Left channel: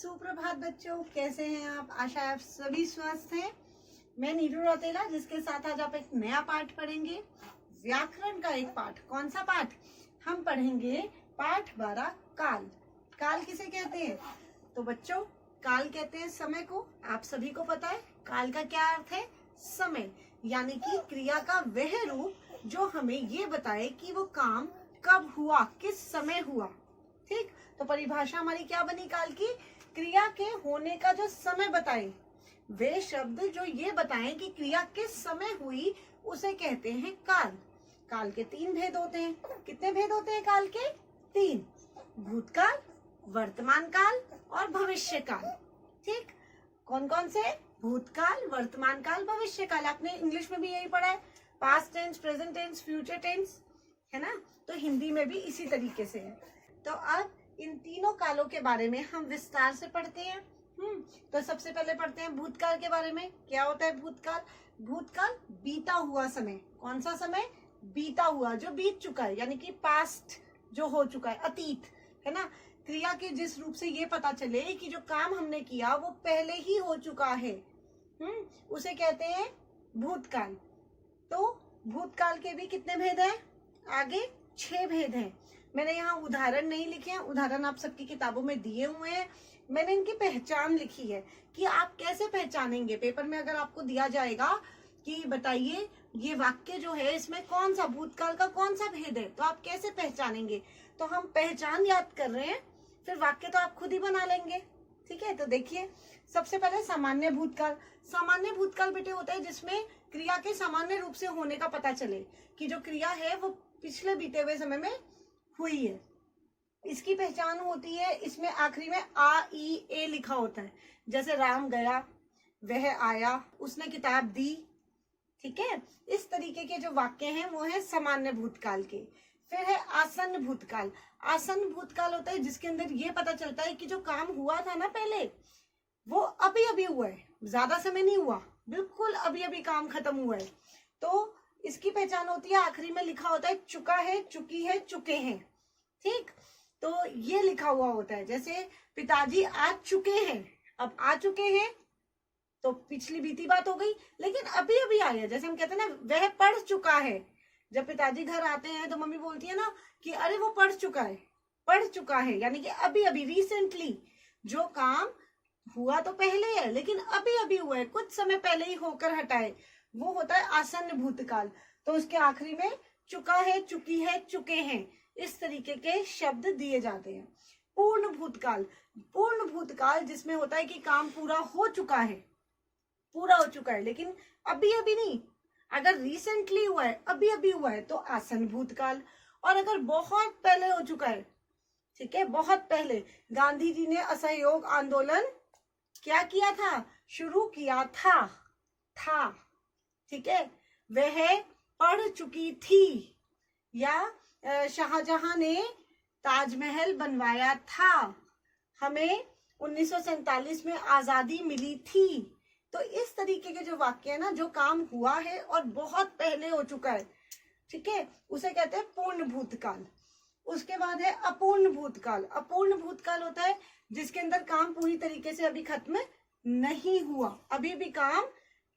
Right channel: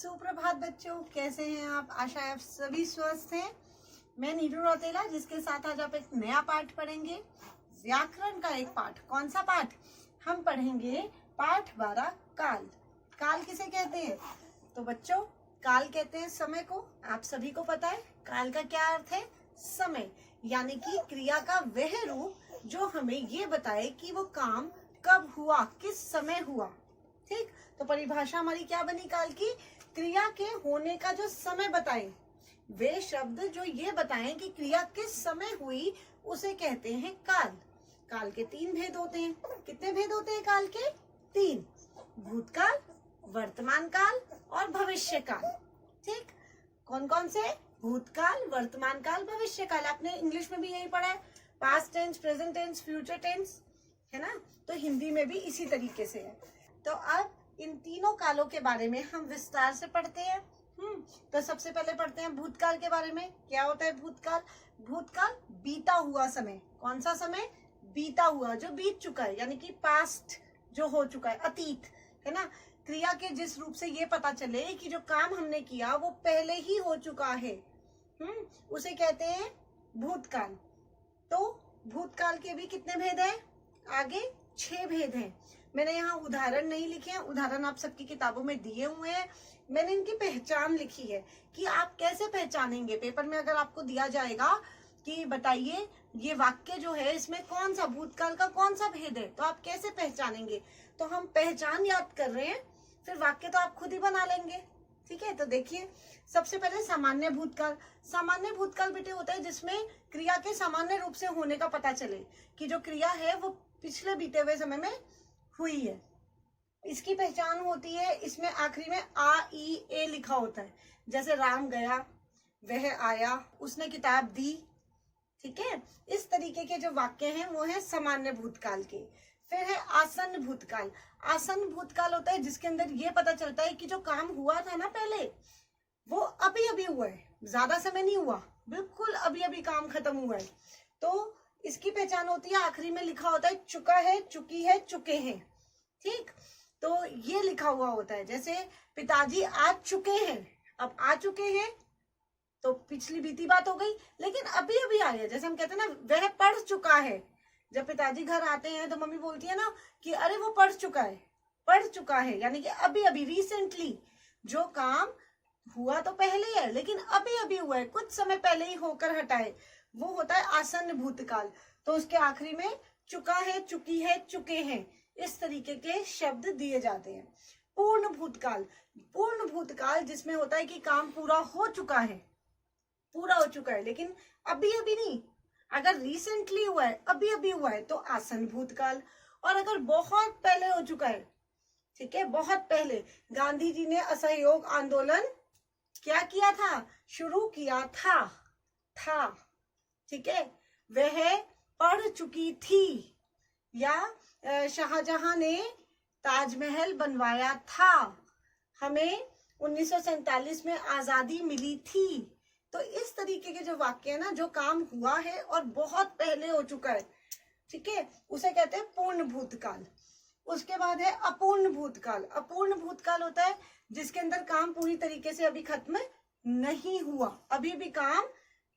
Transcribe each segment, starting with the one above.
सुप्रभात बच्चों, कैसे हैं आप? आशा है आप सभी स्वस्थ हैं। मैं नीरू रौतेला, जिसके साथ आज आप एक नया पाठ पढ़ेंगे, व्याकरण का एक पाठ। कौन सा पाठ? हम पढ़ेंगे पाठ 12 काल। काल किसे कहते हैं? तो बच्चों, काल कहते हैं समय को। आप सभी को पता है काल का क्या अर्थ है? समय, यानी कि क्रिया का वह रूप जो हमें ये बताए कि वो काम कब हुआ, किस समय हुआ। ठीक, तो परिभाषा हमारी क्या बनी काल की? क्रिया के होने का जो समय बताए, वे शब्द जो ये बताएं कि क्रिया किस समय हुई, उसे कहते हैं काल। काल के 3 भेद होते हैं। कितने भेद होते हैं काल के? 3। भूतकाल, वर्तमान काल और भविष्य काल। ठीक, कौन कौन से? भूतकाल, वर्तमान काल, भविष्य काल। आपने इंग्लिश में भी यही पढ़ा है, past tense, present tense, future tense, है ना? तो हिंदी में भी इसी तरीके से है। तो अब इन तीनों कालों के बारे में हम विस्तार से पढ़ते हैं। तो सबसे पहले पढ़ते हैं भूतकाल के बारे में। क्या होता है भूतकाल? भूतकाल बीता हुआ समय। कौन सा समय? बीता हुआ, जो बीत चुका है, यानी कि पास्ट, जो हो चुका है, अतीत, है ना? क्रिया के जिस रूप से ये पता चले कि जो काम हमने किया वो पहले ही हो चुका है, उसे कहते हैं भूतकाल। तो भूतकाल के भी कितने भेद हैं? आगे 6 भेद हैं। मैंने यहाँ उदाहरण नहीं लिखे हैं, उदाहरण आप सबकी किताबों में दिए हुए हैं। मैंने इनकी पहचान लिखी है कि आप कैसे पहचानेंगे। पेपर में अगर आपको दिया जाएगा कि बताइए ये वाक्य जो है इसमें कौन सा भूतकाल का कौन सा भेद है, तो आप कैसे पहचानेंगे? तो हम पहचान याद कर रहे हैं, फिर वाक्य तो आप खुद ही बना लेंगे। ठीक है, तो देखिए सबसे पहले सामान्य भूतकाल। सामान्य भूतकाल बेटे होता है जिसमें क्रिया के सामान्य रूप से होने का पता चले कि जो क्रिया है वो पिछले बीते हुए समय में हुई है। इसकी पहचान होती है, इसमें आखिरी में आ ई ए लिखा होता है। जैसे राम गया, वह आया, उसने किताब दी। ठीक है, इस तरीके के जो वाक्य हैं वो है सामान्य भूतकाल के। फिर है आसन्न भूतकाल। आसन्न भूतकाल होता है जिसके अंदर ये पता चलता है कि जो काम हुआ था ना पहले, वो अभी अभी हुआ है, ज्यादा समय नहीं हुआ, बिल्कुल अभी अभी काम खत्म हुआ है। तो इसकी पहचान होती है, आखिरी में लिखा होता है चुका है, चुकी है, चुके हैं। ठीक, तो ये लिखा हुआ होता है। जैसे पिताजी आ चुके हैं, अब आ चुके हैं तो पिछली बीती बात हो गई, लेकिन अभी अभी आए। जैसे हम कहते हैं ना वह पढ़ चुका है। जब पिताजी घर आते हैं तो मम्मी बोलती है ना कि अरे वो पढ़ चुका है, पढ़ चुका है, यानी कि अभी अभी, रिसेंटली। जो काम हुआ तो पहले है लेकिन अभी अभी हुआ है, कुछ समय पहले ही होकर हटाए, वो होता है आसन्न भूतकाल। तो उसके आखिरी में चुका है, चुकी है, चुके हैं, इस तरीके के शब्द दिए जाते हैं। पूर्ण भूतकाल। पूर्ण भूतकाल जिसमें होता है कि काम पूरा हो चुका है, पूरा हो चुका है, लेकिन अभी अभी नहीं। अगर रिसेंटली हुआ है, अभी अभी हुआ है, तो आसन्न भूतकाल। और अगर बहुत पहले हो चुका है, ठीक है, बहुत पहले गांधी जी ने असहयोग आंदोलन क्या किया था? शुरू किया था। ठीक है, वह पढ़ चुकी थी, या शाहजहां ने ताजमहल बनवाया था, हमें 1947 में आजादी मिली थी। तो इस तरीके के जो वाक्य है ना, जो काम हुआ है और बहुत पहले हो चुका है, ठीक है, उसे कहते हैं पूर्ण भूतकाल। उसके बाद है अपूर्ण भूतकाल। अपूर्ण भूतकाल होता है जिसके अंदर काम पूरी तरीके से अभी खत्म नहीं हुआ, अभी भी काम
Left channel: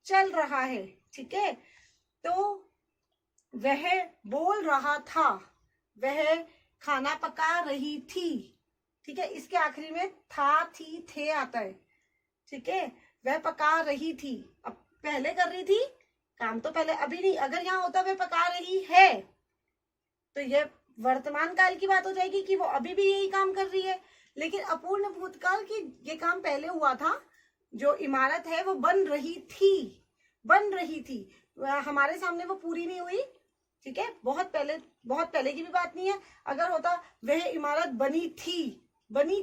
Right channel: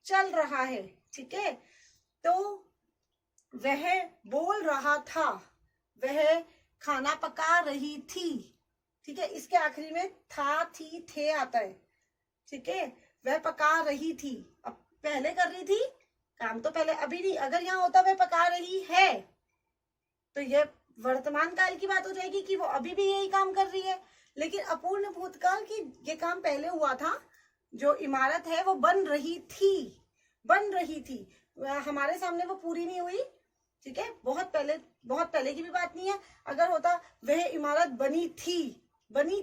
चल रहा है। ठीक है, तो वह बोल रहा था, वह खाना पका रही थी। ठीक है, इसके आखिरी में था, थी, थे आता है। ठीक है, वह पका रही थी, अब पहले कर रही थी काम, तो पहले, अभी नहीं। अगर यहाँ होता वह पका रही है तो यह वर्तमान काल की बात हो जाएगी कि वो अभी भी यही काम कर रही है। लेकिन अपूर्ण भूतकाल की ये काम पहले हुआ था, जो इमारत है वो बन रही थी, हमारे सामने वो पूरी नहीं हुई। ठीक है, बहुत पहले की भी बात नहीं है। अगर होता वह इमारत बनी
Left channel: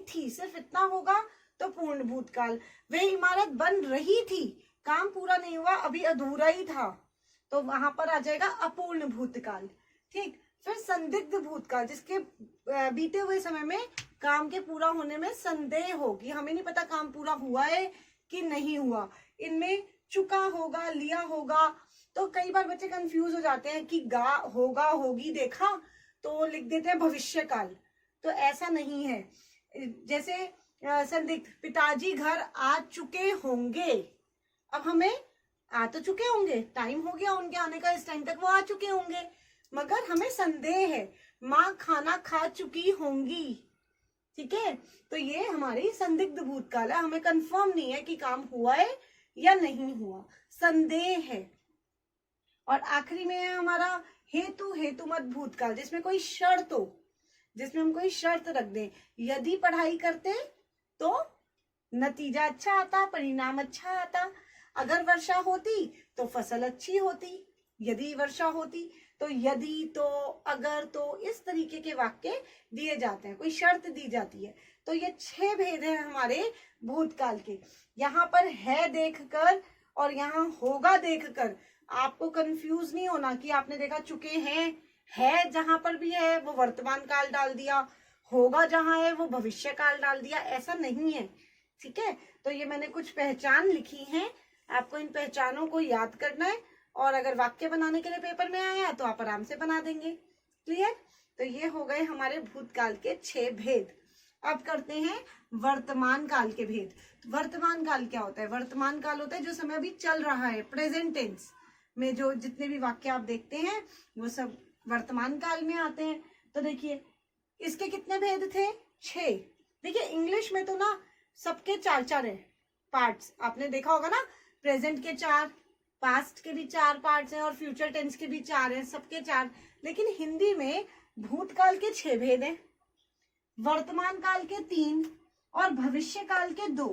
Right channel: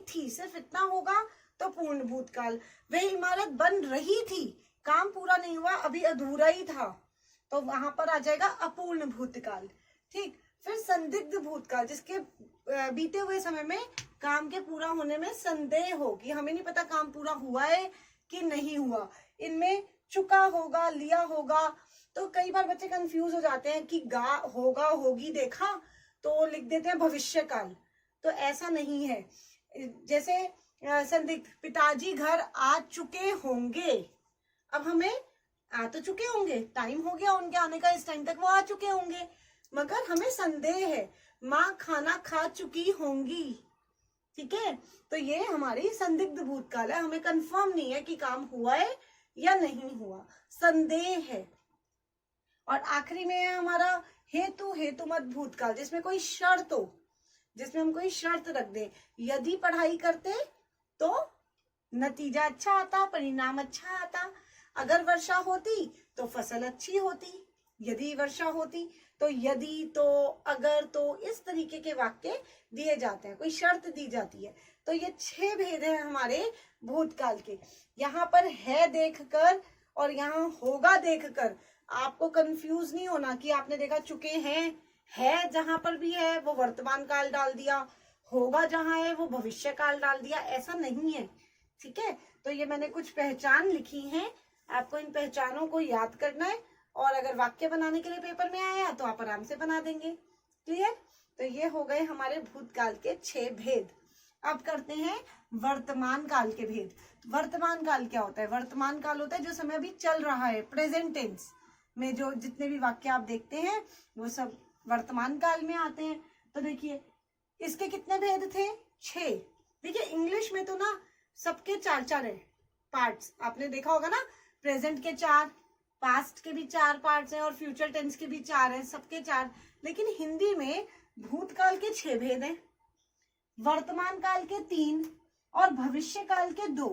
थी, सिर्फ इतना होगा तो पूर्ण भूतकाल। वह इमारत बन रही थी, काम पूरा नहीं हुआ, अभी अधूरा ही था, तो वहां पर आ जाएगा अपूर्ण भूतकाल। ठीक, फिर संदिग्ध भूतकाल, जिसके बीते हुए समय में काम के पूरा होने में संदेह हो कि हमें नहीं पता काम पूरा हुआ है कि नहीं हुआ। इनमें चुका होगा, लिया होगा, तो कई बार बच्चे कंफ्यूज हो जाते हैं कि गा, होगा, होगी देखा तो लिख देते हैं भविष्य काल, तो ऐसा नहीं है। जैसे संदिग्ध, पिताजी घर आ चुके होंगे। अब हमें आ तो चुके होंगे, टाइम हो गया उनके आने का, इस टाइम तक वो आ चुके होंगे, मगर हमें संदेह है। माँ खाना खा चुकी होंगी। ठीक है, तो ये हमारी संदिग्ध भूतकाल है, हमें कंफर्म नहीं है कि काम हुआ है या नहीं हुआ, संदेह है। और आखिरी में है हमारा हेतु, हेतुमत भूतकाल, जिसमें कोई शर्त हो, जिसमें हम कोई शर्त रख दें। यदि पढ़ाई करते तो नतीजा अच्छा आता, परिणाम अच्छा आता। अगर वर्षा होती तो फसल अच्छी होती। यदि वर्षा होती तो, यदि तो, अगर तो, इस तरीके के वाक्य दिए जाते हैं, कोई शर्त दी जाती है। तो ये 6 भेद हैं हमारे भूतकाल के। यहाँ पर है देखकर और यहाँ होगा देखकर आपको कंफ्यूज नहीं होना कि आपने देखा चुके हैं, है जहां पर भी है वो वर्तमान काल डाल दिया, होगा जहां है वो भविष्य काल डाल दिया, ऐसा नहीं है। ठीक है, तो ये मैंने कुछ पहचान लिखी हैं, आपको इन पहचानों को याद करना है, और अगर वाक्य बनाने के लिए पेपर में आया तो आप आराम से बना देंगे। क्लियर? तो ये हो गए हमारे भूतकाल के 6 भेद। अब करते हैं वर्तमान काल के भेद। वर्तमान काल क्या होता है? वर्तमान काल होता है जो समय अभी चल रहा है, प्रेजेंट टेंस में जो जितने भी वाक्य आप देखते हैं वो सब वर्तमान काल में आते हैं। तो देखिए इसके कितने भेद थे? 6। देखिए इंग्लिश में तो ना सबके 4-4 है पार्ट्स, आपने देखा होगा ना, प्रेजेंट के 4, पास्ट के भी 4 पार्ट्स हैं और फ्यूचर टेंस के भी 4 हैं, सबके 4। लेकिन हिंदी में भूतकाल के 6 भेद हैं, वर्तमान काल के 3 और भविष्य काल के 2।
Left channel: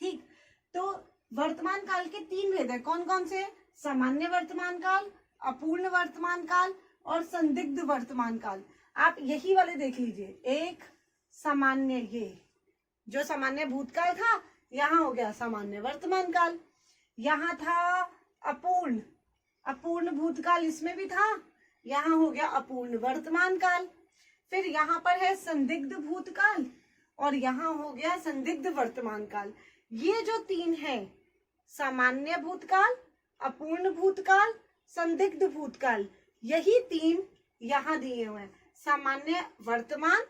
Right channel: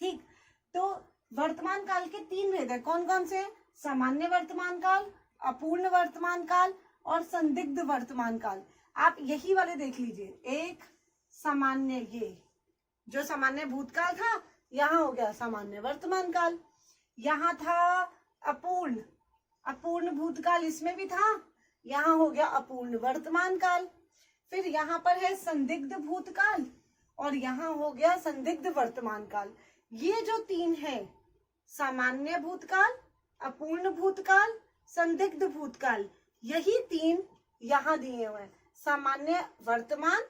ठीक, तो वर्तमान काल के 3 भेद है, कौन कौन से? सामान्य वर्तमान काल, अपूर्ण वर्तमान काल और संदिग्ध वर्तमान काल। आप यही वाले देख लीजिए, एक सामान्य, ये जो सामान्य भूतकाल था यहाँ हो गया सामान्य वर्तमान काल, यहाँ था अपूर्ण, अपूर्ण भूतकाल इसमें भी था, यहाँ हो गया अपूर्ण वर्तमान काल। फिर यहाँ पर है संदिग्ध भूतकाल और यहाँ हो गया संदिग्ध वर्तमान काल। ये जो 3 है, सामान्य भूतकाल, अपूर्ण भूतकाल, संदिग्ध भूतकाल, यही 3 यहाँ दिए हुए हैं, सामान्य वर्तमान,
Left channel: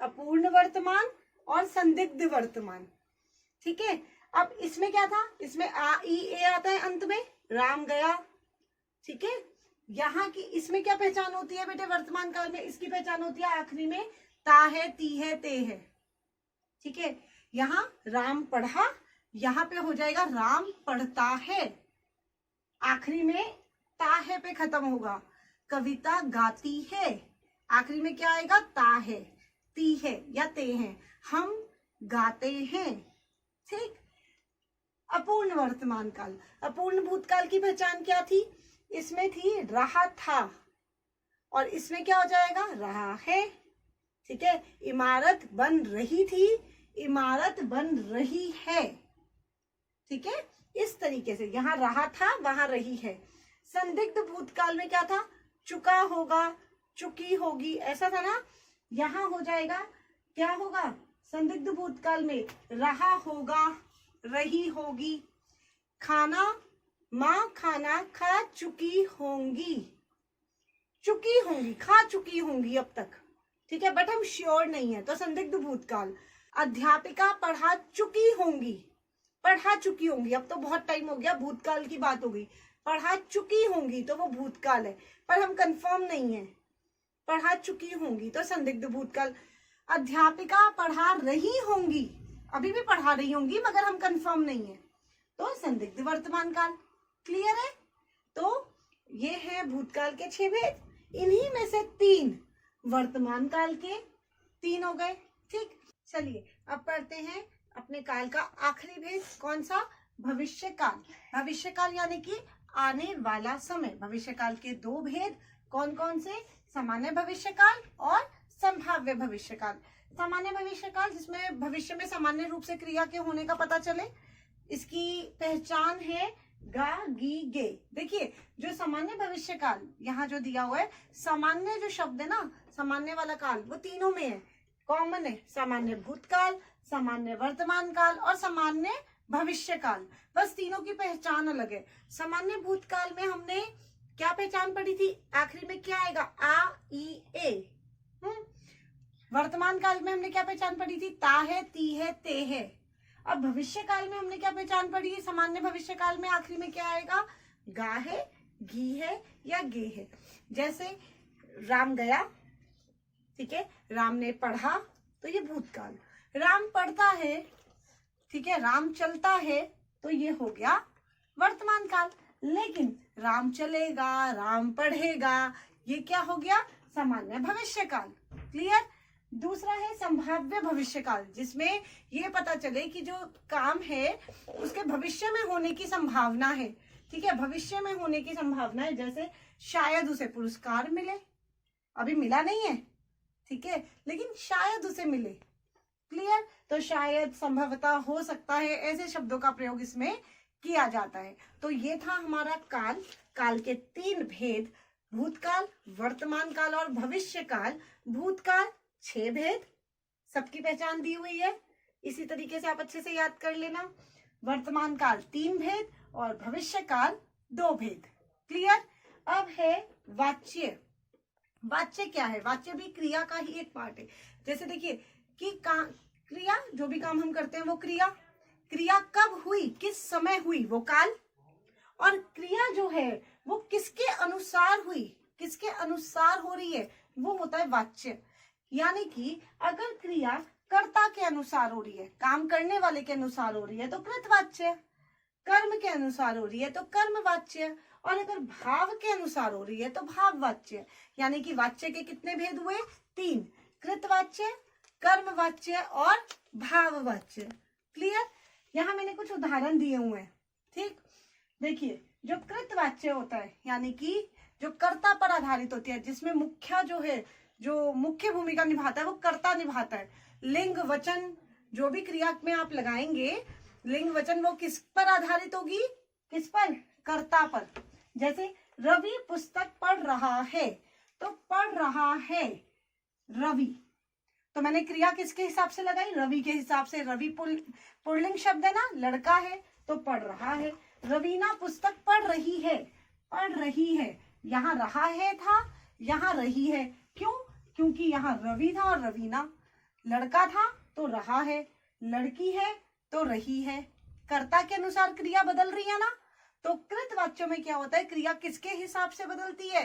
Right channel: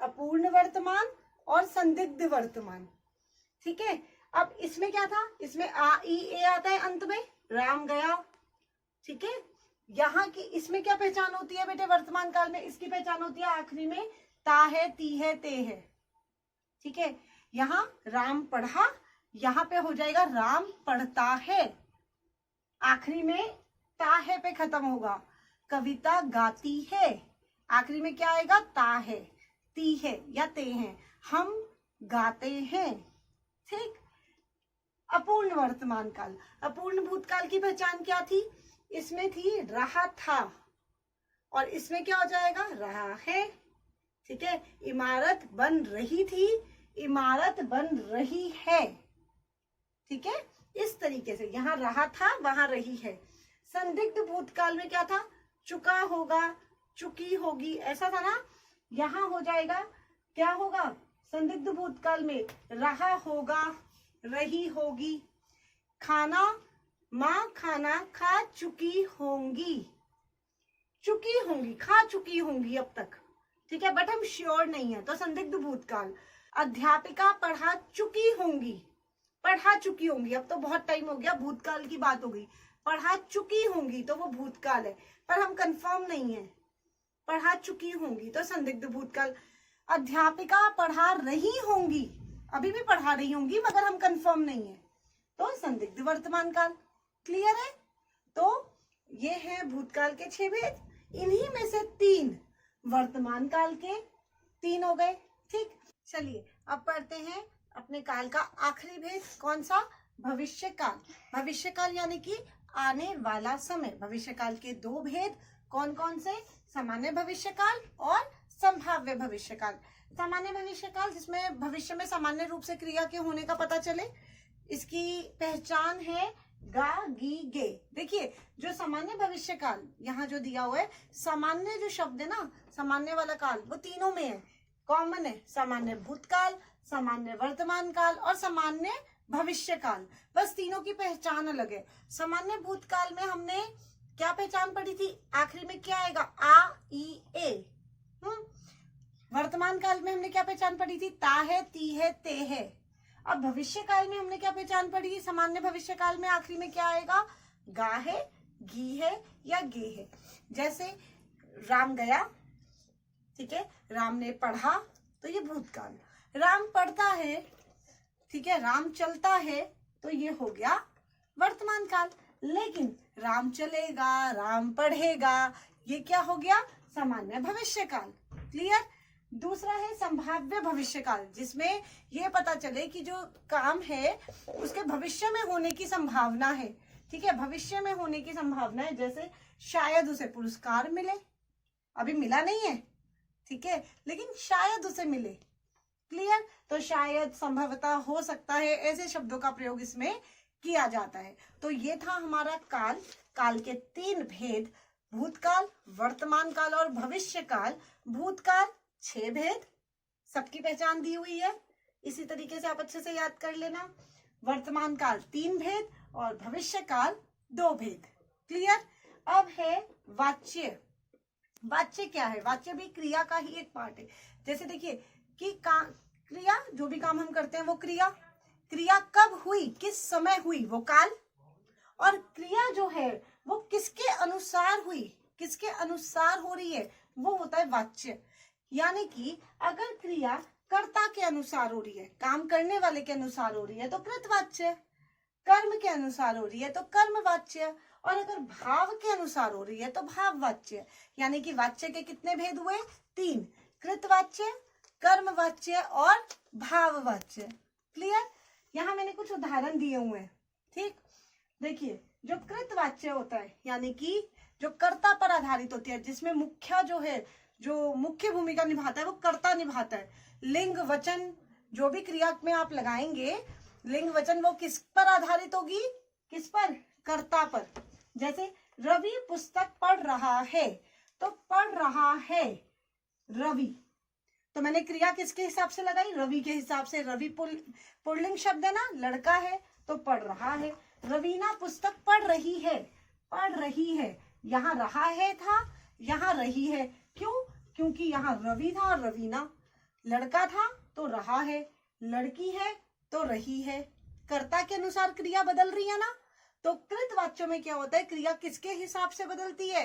अपूर्ण वर्तमान और संदिग्ध वर्तमान। ठीक है, अब इसमें क्या था? इसमें आ ई ए आता है अंत में, राम गया। ठीक है, यहाँ की इसमें क्या पहचान होती है बेटे? वर्तमान काल में इसकी पहचान होती है आखिरी में ता है, ती है, ते है। ठीक है, यहाँ राम पढ़ा, यहाँ पे हो जाएगा राम पढ़ता है, आखिरी में ता है पे खत्म होगा। कविता गाती है, आखिरी में क्या आएगा? ता है, ती है या ते है। हम गाते हैं। ठीक, अपूर्ण वर्तमान काल, अपूर्ण भूतकाल की पहचान क्या थी? इसमें थी रहा था और इसमें क्या हो जाएगा? रहा है। ठीक है, इमारत बन रही थी, इमारत बन रही है। ठीक है, इस तरीके से यहाँ रहा था, वहां रही है। संदिग्ध भूतकाल में क्या था? चुका होगा, चुकी होगी, ऐसा था ना। यहाँ हो जाएगा, क्या होगा? संदिग्ध भूतकाल में रहा होगा, रही होगी। खाना, माँ खाना खा चुकी होंगी, चुकी होंगी, खा चुकी होंगी अब तक। ठीक है, बट हम श्योर नहीं है, तो संदिग्ध भूतकाल। अध्यापिका पढ़ा चुकी होंगी, पढ़ा चुकी होंगी, अब तो बहुत टाइम हो गया, भूतकाल की बात हो गई। पढ़ा चुकी होंगी तो वो भूतकाल है, पर हम कंफर्म नहीं है। पढ़ा चुकी होंगी तो संदिग्ध भूतकाल। अध्यापिका पढ़ा रही होंगी, अभी भी पढ़ा रही होंगी मगर हम कंफर्म नहीं है, तो संदिग्ध वर्तमान काल। क्लियर है? तो ये है भूतकाल के 6 भेद, इन्हीं में से 3 वर्तमान काल के 3 हो गए। ठीक, चलिए अब पढ़ते हैं अपने काल का आखिरी भेद, कौन सा? भविष्य काल। भविष्य काल यानी कि आने वाला समय। भविष्य काल के 2 भेद, कौन कौन से? सामान्य भविष्य काल और संभाव्य भविष्य काल। सामान्य भविष्य काल जिसमें भविष्य में सामान्य रूप से क्रिया के होने का पता चले, इसकी पहचान है गा गी गे। देखिए जो सामान्य भविष्य काल यहाँ जो दिया हुआ है, सामान्य जो शब्द है ना, सामान्य वाला काल, वो तीनों में है, कॉमन है। सामान्य भूतकाल, सामान्य वर्तमान काल और सामान्य भविष्य काल, बस तीनों की पहचान अलग है। सामान्य भूतकाल में हमने क्या पहचान पढ़ी थी? आखिरी में क्या आएगा? आ ई ए। वर्तमान काल में हमने क्या पहचान पढ़ी थी? ता है, ती है, ते है। अब भविष्य काल में हमने क्या पहचान पढ़ी? सामान्य भविष्य काल में आखिरी में क्या आएगा? गा है, घी है या गे है। जैसे राम गया, ठीक है, राम ने पढ़ा, तो ये भूतकाल। राम पढ़ता है, ठीक है, राम चलता है, तो ये हो गया वर्तमान काल। लेकिन राम चलेगा, राम पढ़ेगा, ये क्या हो गया? सामान्य भविष्य काल। क्लियर? दूसरा है संभाव्य भविष्य काल, जिसमें ये पता चले कि जो काम है उसके भविष्य में होने की संभावना है। ठीक है, भविष्य में होने की संभावना है। जैसे शायद उसे पुरस्कार मिले, अभी मिला नहीं है, ठीक है, लेकिन शायद उसे मिले। क्लियर? तो शायद, संभवतः, हो सकता है, ऐसे शब्दों का प्रयोग इसमें किया जाता है। तो ये था हमारा काल। काल के 3 भेद: भूतकाल, वर्तमान काल और भविष्य काल। भूतकाल 6 भेद, सबकी पहचान दी हुई है, इसी तरीके से आप अच्छे से याद कर लेना। वर्तमान काल 3 भेद और भविष्य काल 2 भेद। क्लियर? अब है वाच्य। वाच्य क्या है? वाच्य भी क्रिया का ही एक पार्ट है। जैसे देखिए कि क्रिया, जो भी काम हम करते हैं वो क्रिया, क्रिया कब हुई, किस समय हुई, वो काल। और क्रिया जो है वो किसके अनुसार हुई, किसके अनुसार हो रही है, वो होता है वाच्य। यानी कि अगर क्रिया कर्ता के अनुसार हो रही है, काम करने वाले के अनुसार हो रही है, तो कृतवाच्य। कर्म के अनुसार हो रही है तो कर्मवाच्य, और अगर भाव के अनुसार हो रही है तो भाववाच्य। यानी कि वाच्य के कितने भेद हुए? 3: कृतवाच्य, कर्मवाच्य और भाववाच्य। क्लियर? यहाँ मैंने कुछ उदाहरण दिए हुए हैं। ठीक, देखिए, जो कृतवाच्य होता है, यानी कि जो कर्ता पर आधारित होती है, जिसमें मुख्य जो है, जो मुख्य भूमिका निभाता है, वो कर्ता निभाता है। लिंग वचन जो भी क्रिया में आप लगाएंगे, लिंग वचन, वो किस पर आधारित होगी? किस पर? कर्ता पर। जैसे रवि पुस्तक पढ़ रहा है, तो पढ़ रहा है रवि, तो मैंने क्रिया किसके हिसाब से लगाई? रवि के हिसाब से। रवि पुल्लिंग शब्द है ना, लड़का है, तो पढ़ रहा है। रवीना पुस्तक पढ़ रही है, पढ़ रही है, यहाँ रहा है था, यहाँ रही है। क्यों? क्योंकि यहाँ रवि था और रवीना। लड़का था तो रहा है, लड़की है तो रही है। कर्ता के अनुसार क्रिया बदल रही है ना। तो कृतवाच्य में क्या होता है? क्रिया किसके हिसाब से बदलती है?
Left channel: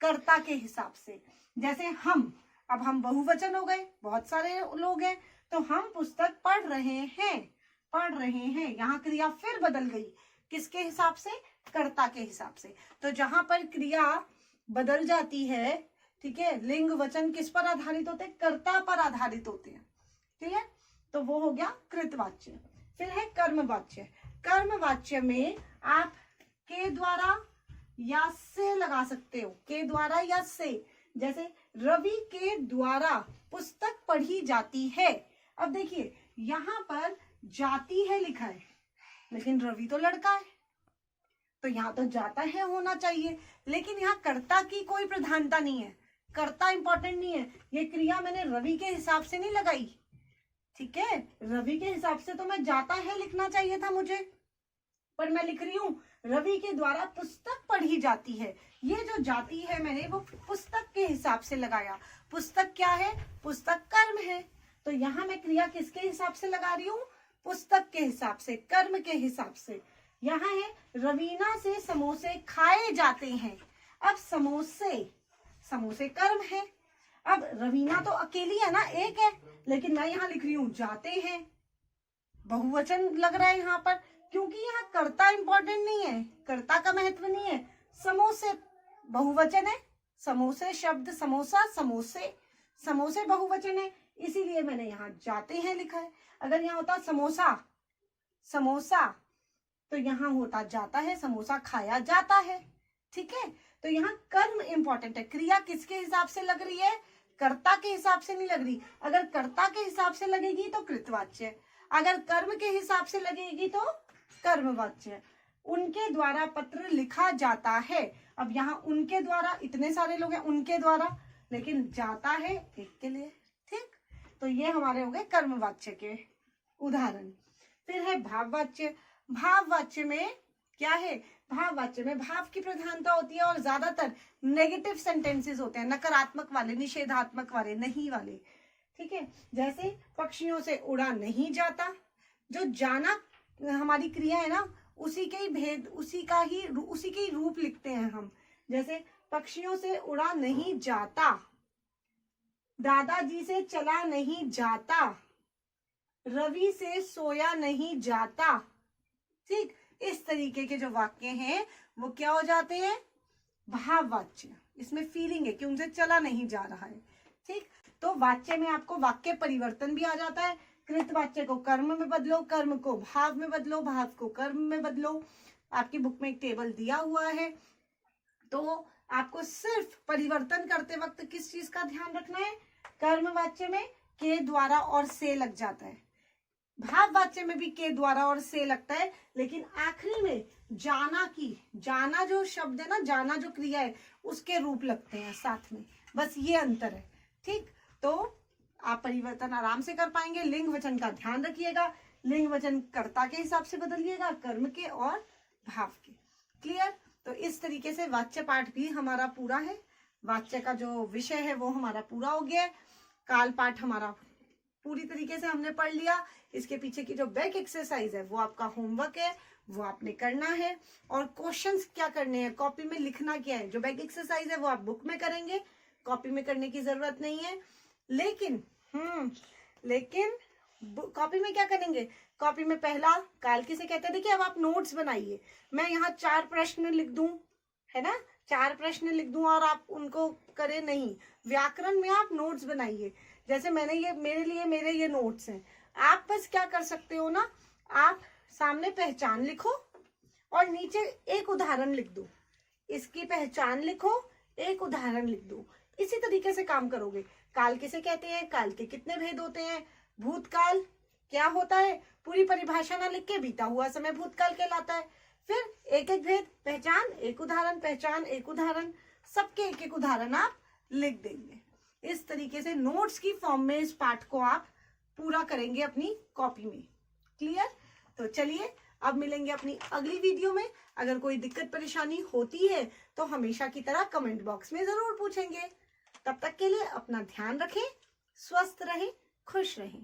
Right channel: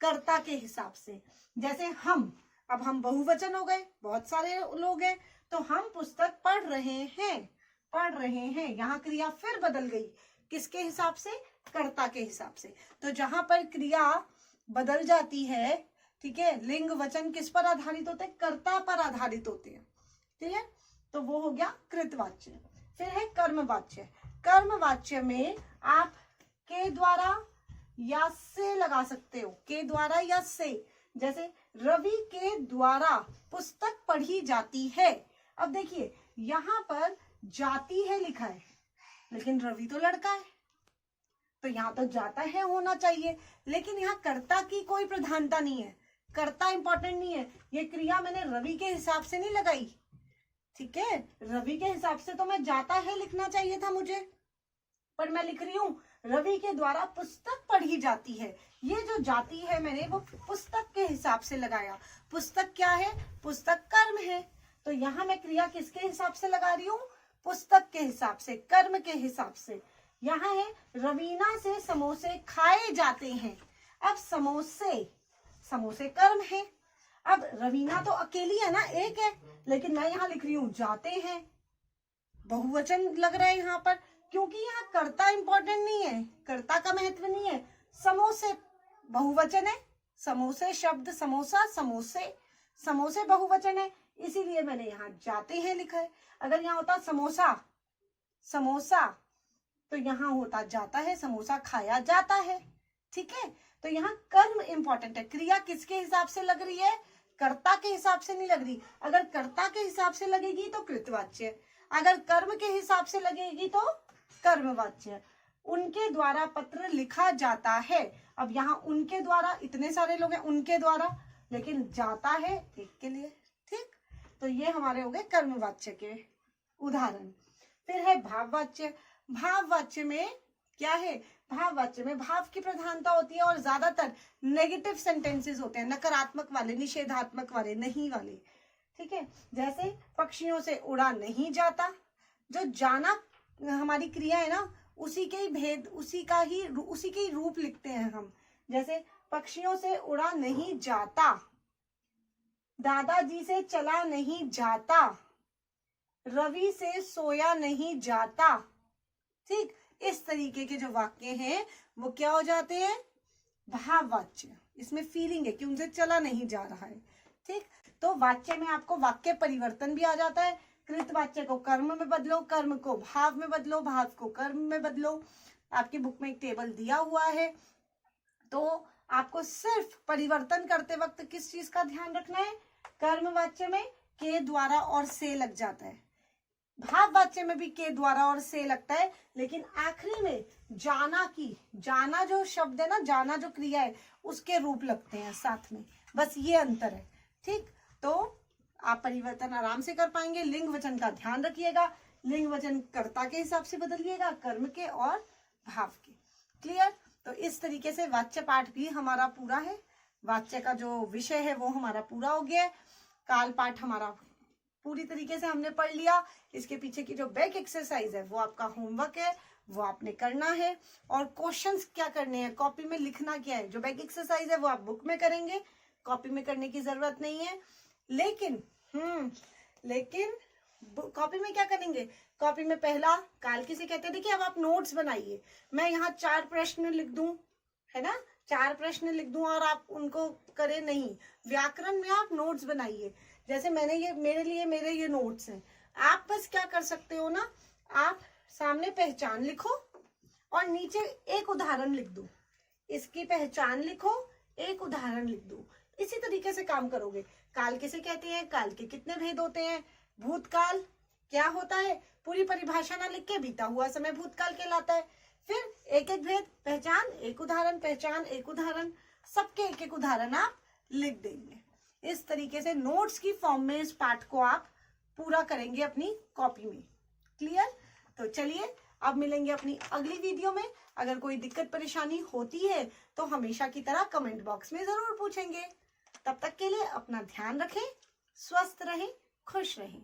कर्ता के हिसाब से। जैसे हम, अब हम बहुवचन हो गए, बहुत सारे लोग हैं, तो हम पुस्तक पढ़ रहे हैं, पढ़ रहे हैं, यहाँ क्रिया फिर बदल गई, किसके हिसाब से? कर्ता के हिसाब से। तो जहां पर क्रिया बदल जाती है, ठीक है, लिंग वचन किस पर आधारित होते हैं? कर्ता पर आधारित होते हैं। ठीक है, तो वो हो गया कृतवाच्य। फिर है कर्मवाच्य। कर्मवाच्य में आप के द्वारा या से लगा सकते हो, के द्वारा या से। जैसे रवि के द्वारा पुस्तक पढ़ी जाती है। अब देखिए यहाँ पर जाती है लिखा है, लेकिन रवि तो लड़का है, तो यहाँ तो जाता है होना चाहिए, लेकिन यहाँ कर्ता की कोई प्रधानता नहीं है, कर्ता इंपॉर्टेंट नहीं है। ये क्रिया मैंने रवि के हिसाब से नहीं लगाई, ठीक है, रवि के हिसाब से तो मैं जाता है लिखना चाहिए था मुझे, पर मैं लिख रही हूं रवि के द्वारा पुस्तक पढ़ी जाती है। ये जो जाती है मैंने वो पुस्तक के हिसाब से लगाया। पुस्तक क्या है? पुस्तक कर्म है, तो यहाँ मैं क्रिया किसके हिसाब से लगा रही हूँ? पुस्तक के हिसाब से, कर्म के हिसाब से। यहाँ है रवीना से समोसे खाए जाते हैं। अब समोसे, समोसे कर्म है। अब रवीना तो अकेली है ना, एक है, लेकिन मैं यहाँ लिख रही हूँ जाते हैं, बहुवचन लग रहा है यहाँ पर, क्योंकि यहाँ कर्ता इंपॉर्टेंट नहीं है, कर्ता का महत्व नहीं है। समोसे बहुवचन है, समोसे शब्द, समोसा, समोसे, समोसे बहुवचन है, इसीलिए मैंने यहाँ जाते हैं लिखा है। अगर यहाँ होता समोसा, समोसा, तो यहाँ होता जाता है, समोसा खाया जाता है। ठीक है, तो यहाँ कर्म इंपॉर्टेंट है। क्रिया किसके हिसाब से लग रही है? कर्ता के हिसाब से नहीं लग रही। अगर कर्ता के हिसाब से लगेगी तो कृतवाच्य, अगर कर्म के हिसाब से लगेगी तो कर्मवाच्य। उनके द्वारा पत्र लिखा जाता है। अब यहाँ उनके द्वारा, इतने सारे लोग हैं, उनके द्वारा, लेकिन जाता है एक के लिए। ठीक, तो ये हमारे हो गए कर्मवाच्य के उदाहरण। फिर है भाववाच्य। भाववाच्य में क्या है? भाववाच्य में भाव की प्रधानता होती है और ज्यादातर नेगेटिव सेंटेंसेस होते हैं, नकारात्मक वाले, निषेधात्मक वाले, नहीं वाले। ठीक है, जैसे पक्षियों से उड़ा नहीं जाता, जो जाना हमारी क्रिया है ना, उसी के ही भेद, उसी के ही रूप लिखते हैं हम। जैसे पक्षियों से उड़ा नहीं जाता, दादाजी से चला नहीं जाता, रवि से सोया नहीं जाता। ठीक, इस तरीके के जो वाक्य हैं वो क्या हो जाते हैं, भाववाच्य। इसमें फीलिंग है कि उनसे चला नहीं जा रहा है। ठीक, तो वाक्य में आपको वाक्य परिवर्तन भी आ जाता है। कृत वाच्य को कर्म में बदलो, कर्म को भाव में बदलो, भाव को कर्म में बदलो। आपकी बुक में एक टेबल दिया हुआ है, तो आपको सिर्फ परिवर्तन करते वक्त किस चीज का ध्यान रखना है, कर्म वाच्य में के द्वारा और से लग जाता है, भाव वाच्य में भी के द्वारा और से लगता है, लेकिन आखिरी में जाना जो शब्द है ना, जाना जो क्रिया है, उसके रूप लगते हैं साथ में। बस ये अंतर है। ठीक, तो आप परिवर्तन आराम से कर पाएंगे। लिंग वचन का ध्यान रखिएगा, लिंग वचन कर्ता के हिसाब से बदलिएगा, कर्म के और भाव के। क्लियर? तो इस तरीके से वाच्य पाठ भी हमारा पूरा है। वाच्य का जो विषय है वो हमारा पूरा हो गया है। काल पाठ हमारा पूरी तरीके से हमने पढ़ लिया। इसके पीछे की जो बैक एक्सरसाइज है वो आपका होमवर्क है, वो आपने करना है। और क्वेश्चंस क्या करने हैं, कॉपी में लिखना क्या है। जो बैक एक्सरसाइज है वो आप बुक में करेंगे, कॉपी में करने की जरूरत नहीं है। लेकिन कॉपी में क्या करेंगे, कॉपी में पहला काल किसे कहते हैं, देखिए अब आप नोट्स बनाइए। मैं यहाँ 4 प्रश्न लिख दूं, है ना, 4 प्रश्न लिख दूं और आप उनको करें नहीं। व्याकरण में आप नोट्स बनाइए। जैसे मैंने ये मेरे ये नोट्स हैं। आप बस क्या कर सकते हो ना, आप सामने पहचान लिखो और नीचे एक उदाहरण लिख दो। इसकी पहचान लिखो, एक उदाहरण लिख दो। इसी तरीके से काम करोगे। काल किसे कहते हैं, काल के कितने भेद होते हैं, भूतकाल क्या होता है, पूरी परिभाषा ना लिख के बीता हुआ समय भूतकाल कहलाता है। फिर एक एक भेद, पहचान एक उदाहरण, पहचान एक उदाहरण, सबके एक एक उदाहरण आप लिख देंगे। इस तरीके से नोट्स की फॉर्म में इस पाठ को आप पूरा करेंगे अपनी कॉपी में। क्लियर? तो चलिए अब मिलेंगे अपनी अगली वीडियो में। अगर कोई दिक्कत परेशानी होती है तो हमेशा की तरह कमेंट बॉक्स में जरूर पूछेंगे। तब तक के लिए अपना ध्यान रखें, स्वस्थ रहें, खुश रहें।